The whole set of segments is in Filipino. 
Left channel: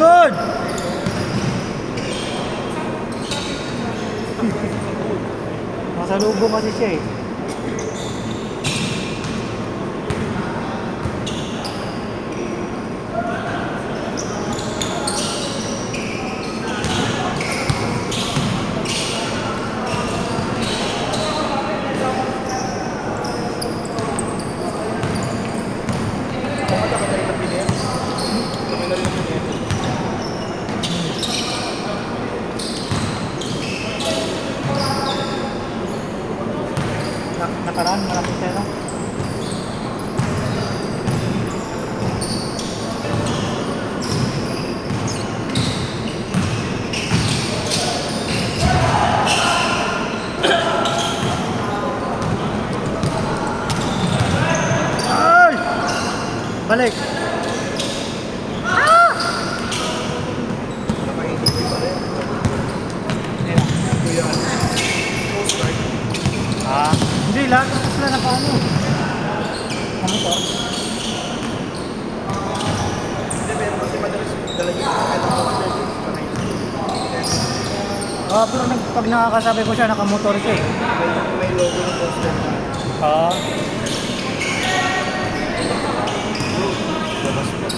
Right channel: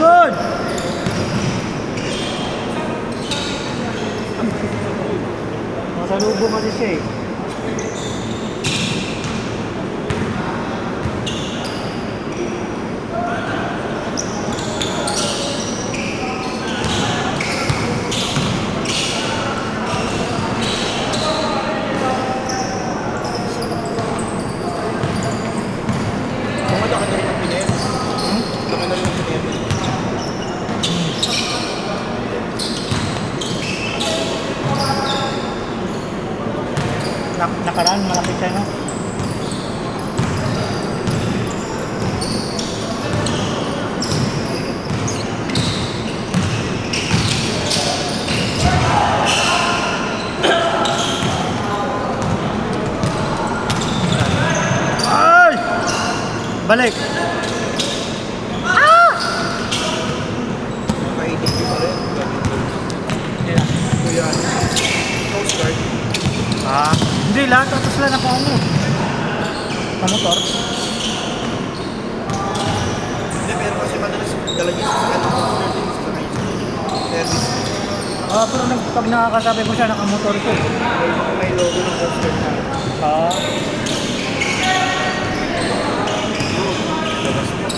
Good! Masalubong kasi siya eh. Nakaraan, malapit siya na. Ay! Balik! Ayan. Kuya, Coast Guard. Hindi lang. Tapos na nakaano. Ano to? Hindi, meron kasi madalas dala niya sa Coast Guard. Pero pag nakakasabi ko siya, nakamotor ko eh. May logo ng Coast Guard na. Labas po.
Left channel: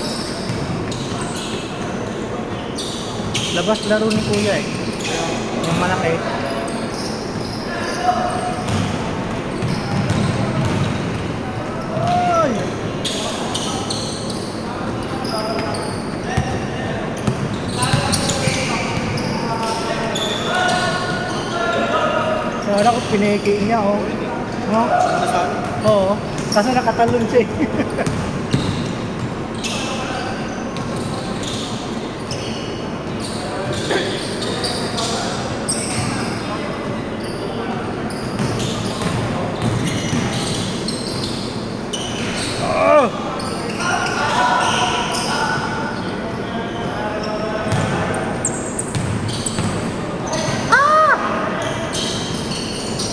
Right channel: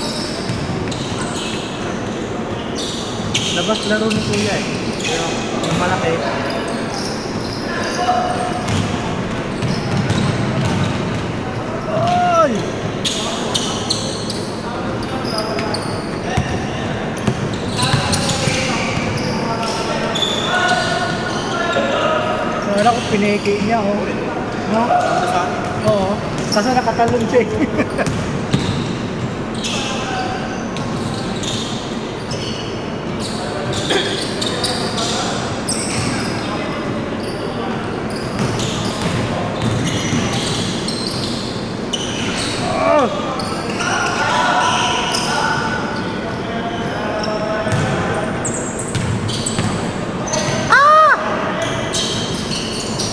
Labas laro ni Kuya eh. Ang malaki. Ay! Wala ko piniki niya oh. No? Saan? Oo. Kaso nakatalon siya eh.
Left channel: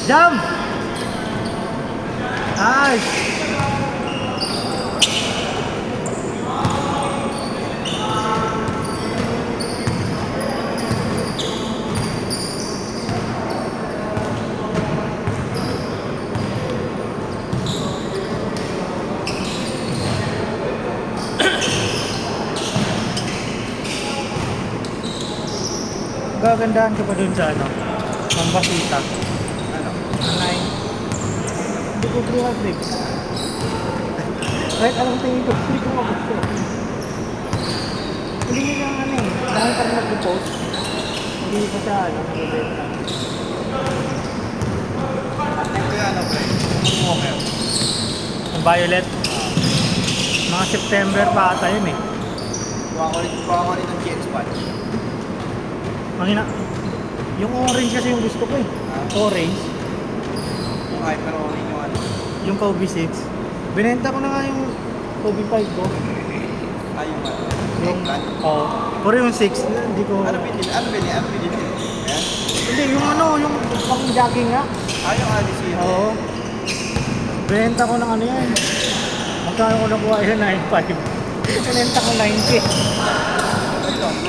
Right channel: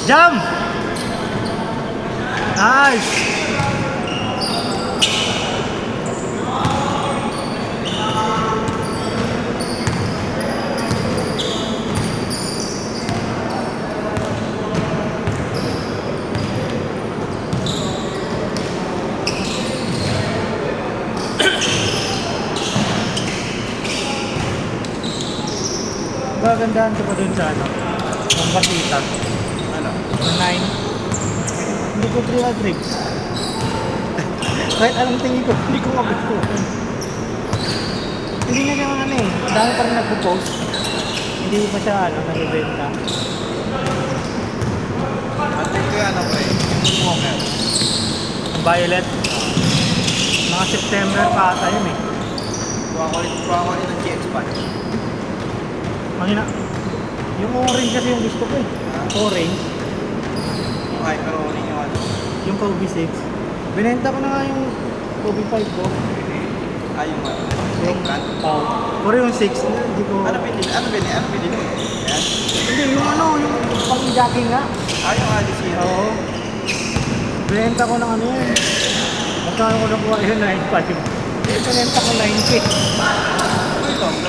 Jump! Nice! Gagandahan ko pa dun sa ano, ang bakita. 9. Hindi ko 300. Kahit anong tingin ko, hindi ko magusto. Hindi nga naman ano eh. Dahil parang nag-post. Hindi pa siya ano, nag-benta. Ito yan ako eh. Yung Moonwalker. Ang violet. Mga September pa ata yun eh. Kuha ko rin ng GX pad. Mahina. Yung orange kasi yung gusto ko eh. Orange. Yung Hyper Orange yung ano. Yung Kobe 6. Binenta ko na nga yung Kobe 5 ko. Yung ano. Yung, Eggplant. pero yung 6, hindi ko... Ano binili? Ano binili? Ayan. Hindi, yung ano, yung pang jogging nga. Yung Alice Zero. Oo. Binenta ko ng ano yun. Magkano ko nakuha yun, 9.5. Binenta ko 9K.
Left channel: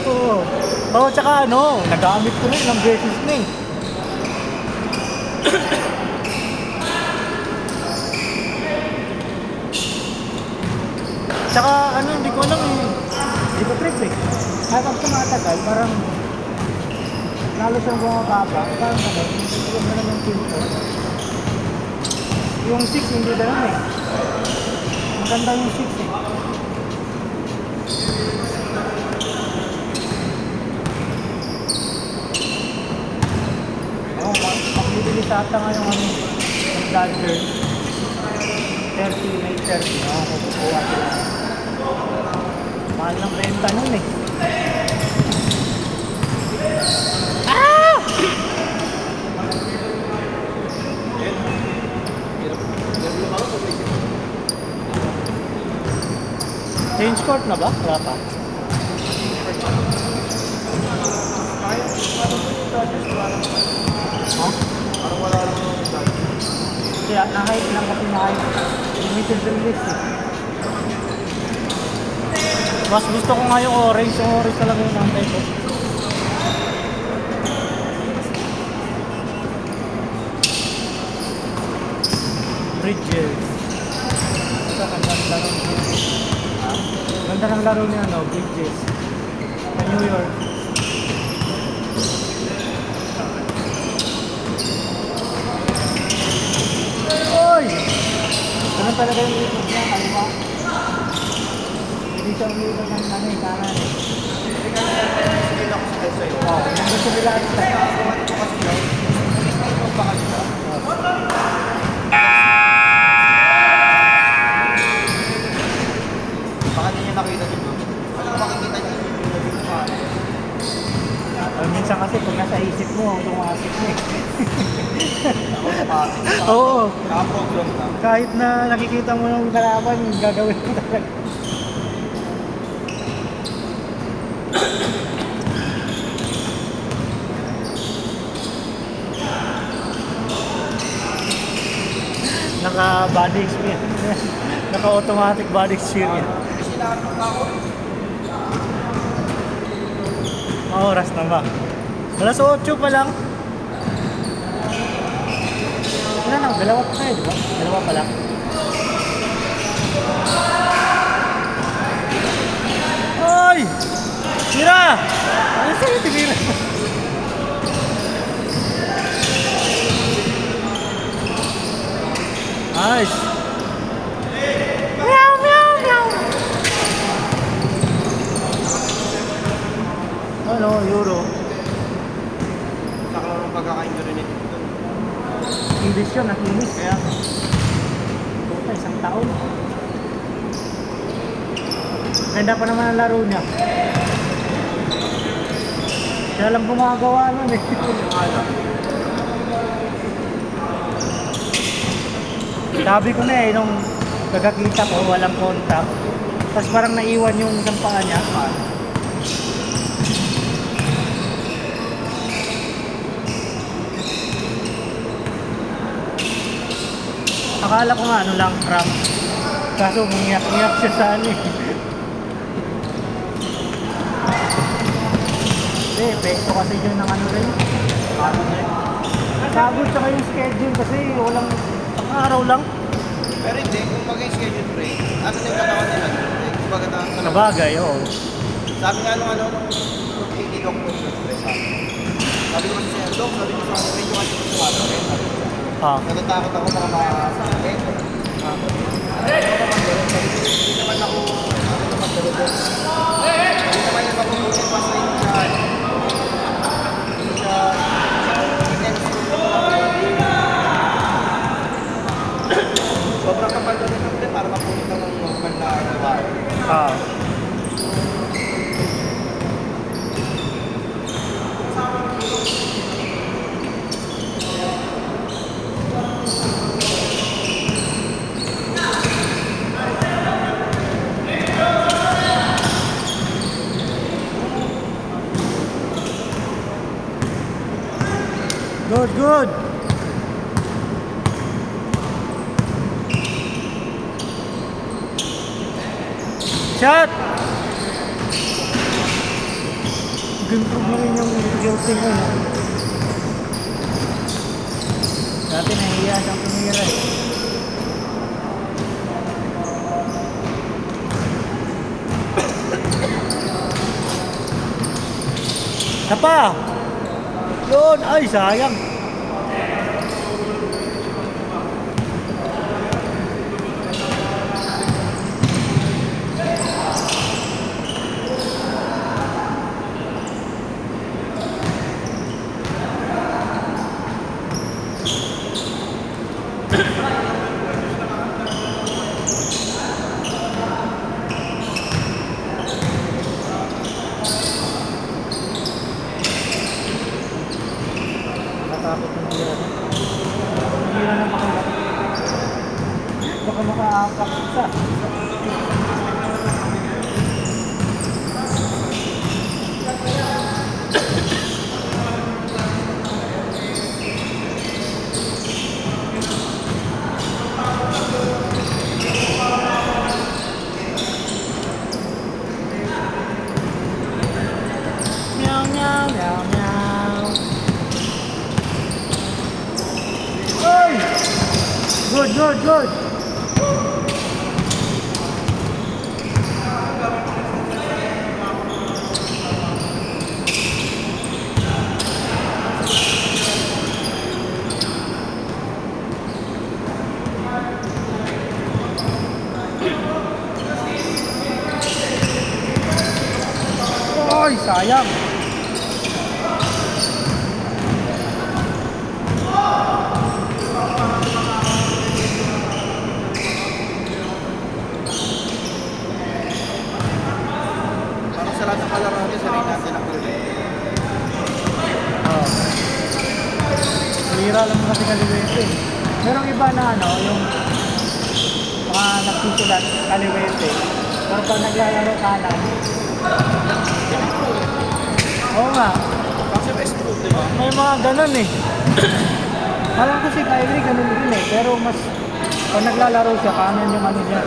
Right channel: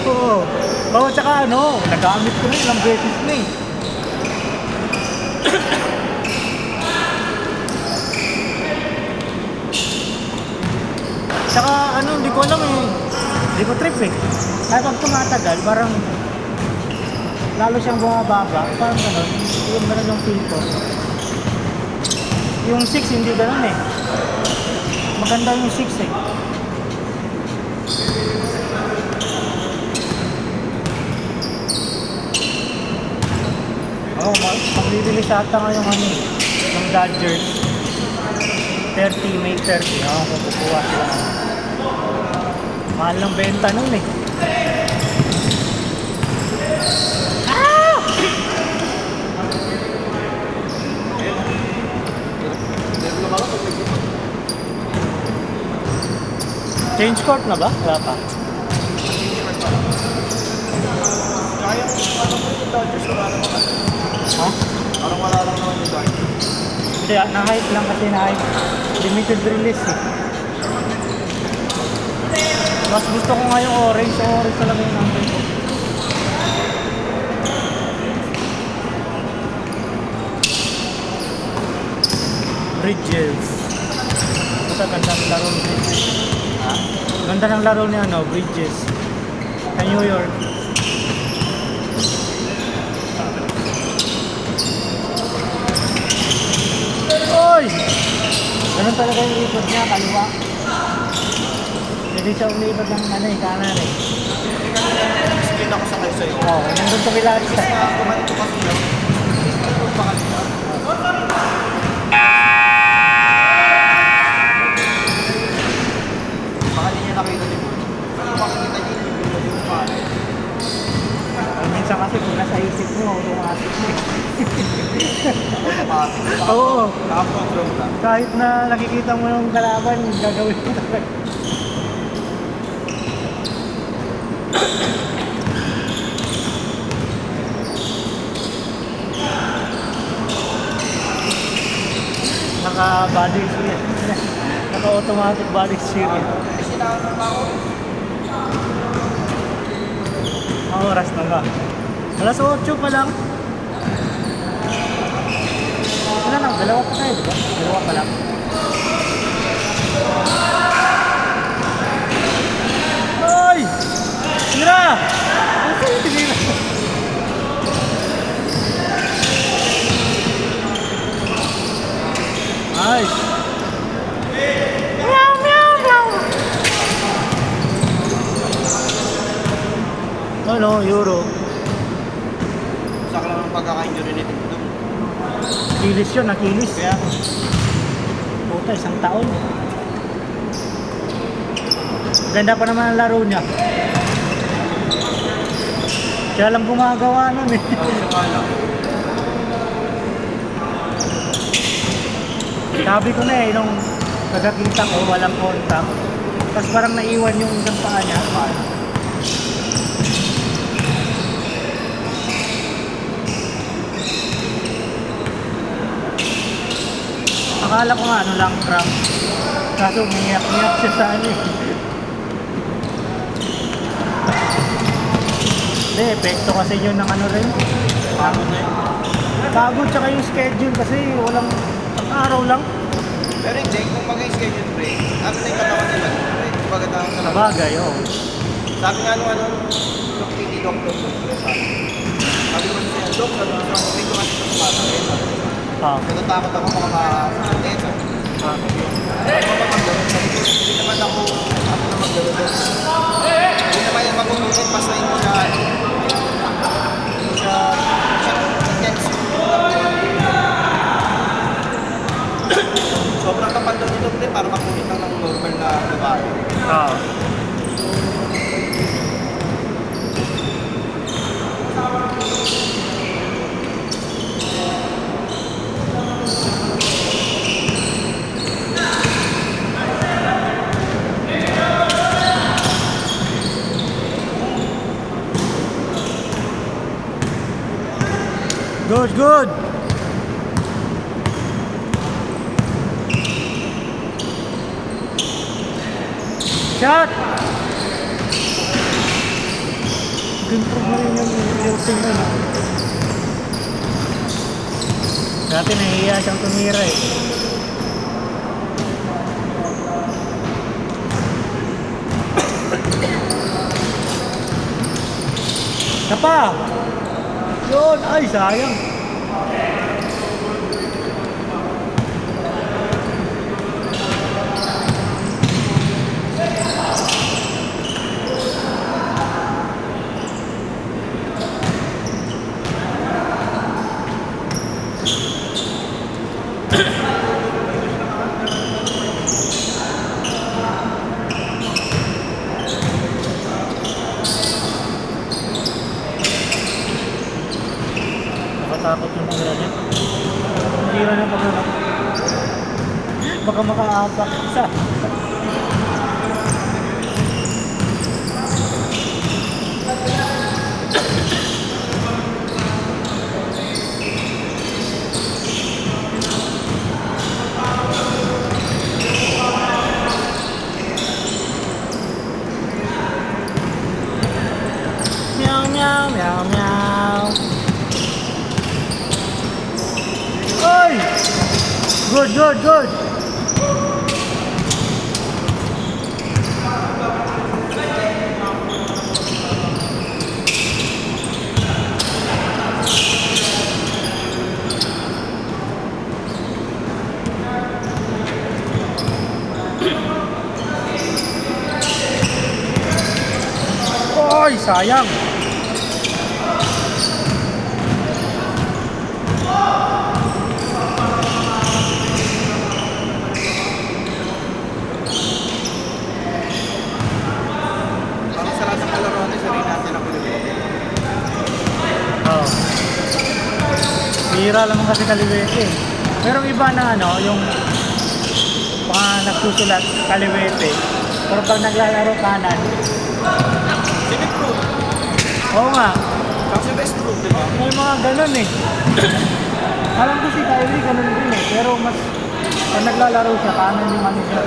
Oo. Oo, tsaka ano, nagamit ko na ilang beses na eh. Tsaka ano, hindi ko alam eh. Hindi ko trip eh. Kahit ang tumatagal, parang lalo siyang bumababa. Parang ano, yung na ng pinto. Yung 6 hindi ganun eh. Maganda yung 6 eh. Bibili sa ata ngayon ano, ng Dodgers 30, May 30 kukuha sila. Mahal ng benta nun eh. Change court na ba? Wala pa. Kaya na-hype lang kasi na-hype. Limited release eh. Mas gusto ko nga yung orange. Yung orange talaga yung number ko. Bridges. Ito, ganda ng laro niya. Ganda ng laro niya, no? Bridges. Sa New York. Oy! Ganun talaga yung ikot niya, kaliwa. Hindi siya umikot ng ano eh, kanan eh. Screen ako sa sa'yo. Oo, nandun sa Villaria. Ito kasi daw. Ito pa kasi ba? Baka hindi niya nakita din. Ano makikita niya? Hindi niya yung pangalan. Minsan kasi kung nasa isip mo, automatic mo eh. Ako tumakas. Oo. Nakaprogram ka. Kahit na nakikita mo ng kalaban, gagawin mo talaga. Naka-body experience. Naka-automatic body experience. Kasi lahat ng tao. Ang oras na ba? Alas 8 pa lang. Ano lang, dalawa pa tayo, diba? Dalawa pa lang. Ay! Tira! Ano sa'yo tigilan? Nice! Meow, meow, meow! Ano, Euro? Sa akin naman pagkaka-injury ni Tito. Kilis yun, nakilis. Kaya, Puta, isang taon. Ganda pa naman ang laro niya. Siya lang gumagawa nun eh. Sabi ko na eh, nung nagkakita ko, walang kontak. Tapos parang naiwan yung isang panga niya. Akala ko nga ano lang, prank. Kaso umiyak-iyak siya sa ano eh. Hindi, epekto kasi yun ng ano rin. Pagod tsaka yung schedule kasi walang isang araw lang. pero hindi, kung mag-schedule break, ano na yung katawan nila? Break, kumbaga tawag sa labas. Bagay, oo. Sabi nga nung ano, nung PT doctor ko, sabi ko siya, Dok, sabi ko sa may kumasin sa kumasa, sabi ko siya. Ah. Natatakot ako mga makakasakit. Hindi naman ako magdadagdag. Hindi naman yung pag-ulitin, basta hindi siya intense. Sobrang kapal na rin, parang makulit lang ng normal na gawain. Ah. Good, good. Shot! Improve mo rin yung shooting mo, no? Dati nahihiya siyang tumira eh. Napa! Yun! Ay, sayang! good, good. Oy, sayang. Parang sa lahat ng kalaro natin, sarin natin ang kulibete. Oh. Hira lang kasi kaliwete. Merong iba na ano, yung mga nagsusulat kaliwete. Pero pag naglalaro kanan, Simit proof. oo nga, Kasi best proof, di ba? may mga ganun eh. Alam ko si Kyrie ganun din eh. Pero mas, pag naglalaro siya, kanan yung ano niya.